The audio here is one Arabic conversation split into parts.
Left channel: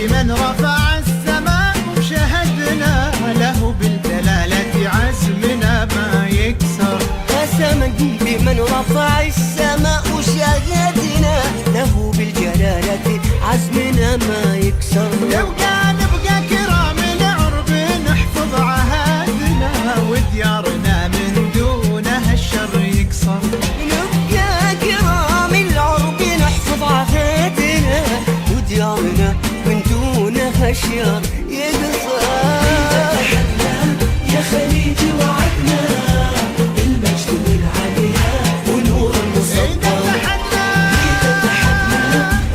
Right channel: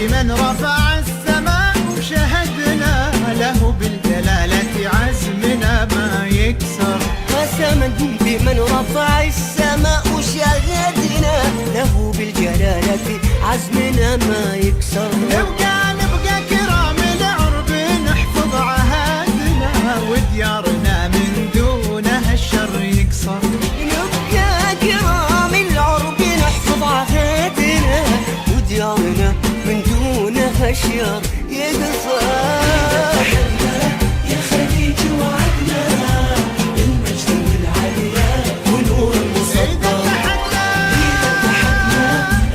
بمن رفع السماء وشهدنا له بالجلالة عزمنا ما يكسر. قسما بمن رفع السماء وشهدنا له بالجلالة عزمنا ما يكسر. نبقى كرام العرب نحفظ عهدنا وديارنا من دونها الشر يقصر. نبقى كرام العرب نحفظ عهدنا وديارنا من دونها الشر يقصر. يا خليج وعدنا بالمجد والعليا ونور المسطر.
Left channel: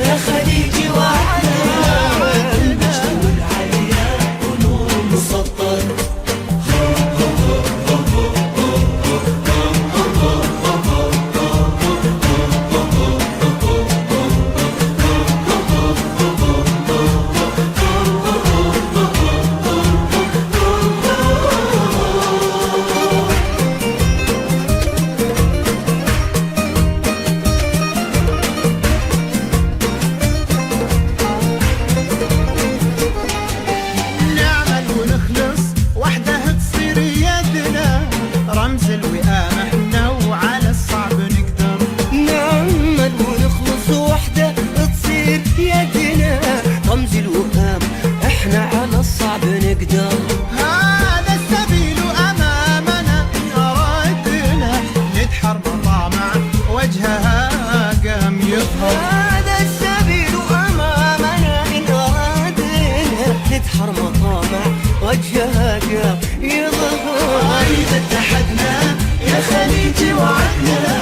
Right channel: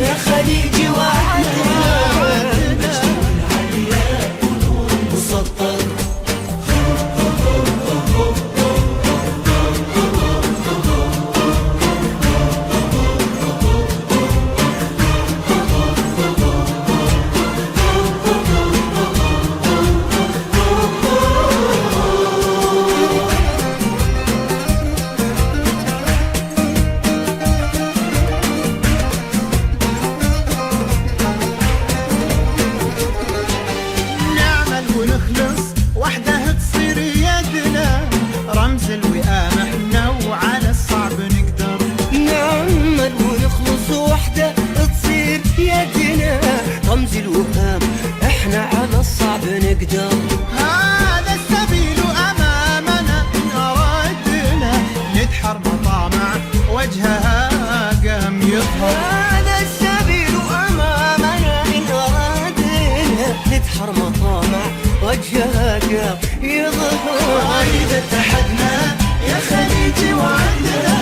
يا خليج وعدنا والعليا ونور المسطر. وحده تصير يدنا رمز الوئام احنا وعلى الصعب نقدر. نعمل ونخلص وحده تصير يدنا رمز الوئام احنا على الصعب نقدر. هذا السبيل امامنا ان ارادنا ندحر مطامع وجهها قام يظهر. هذا السبيل امامنا ان ارادنا ندحر مطامع وجهها قام يظهر. إذا اتحدنا يا خليج وعدنا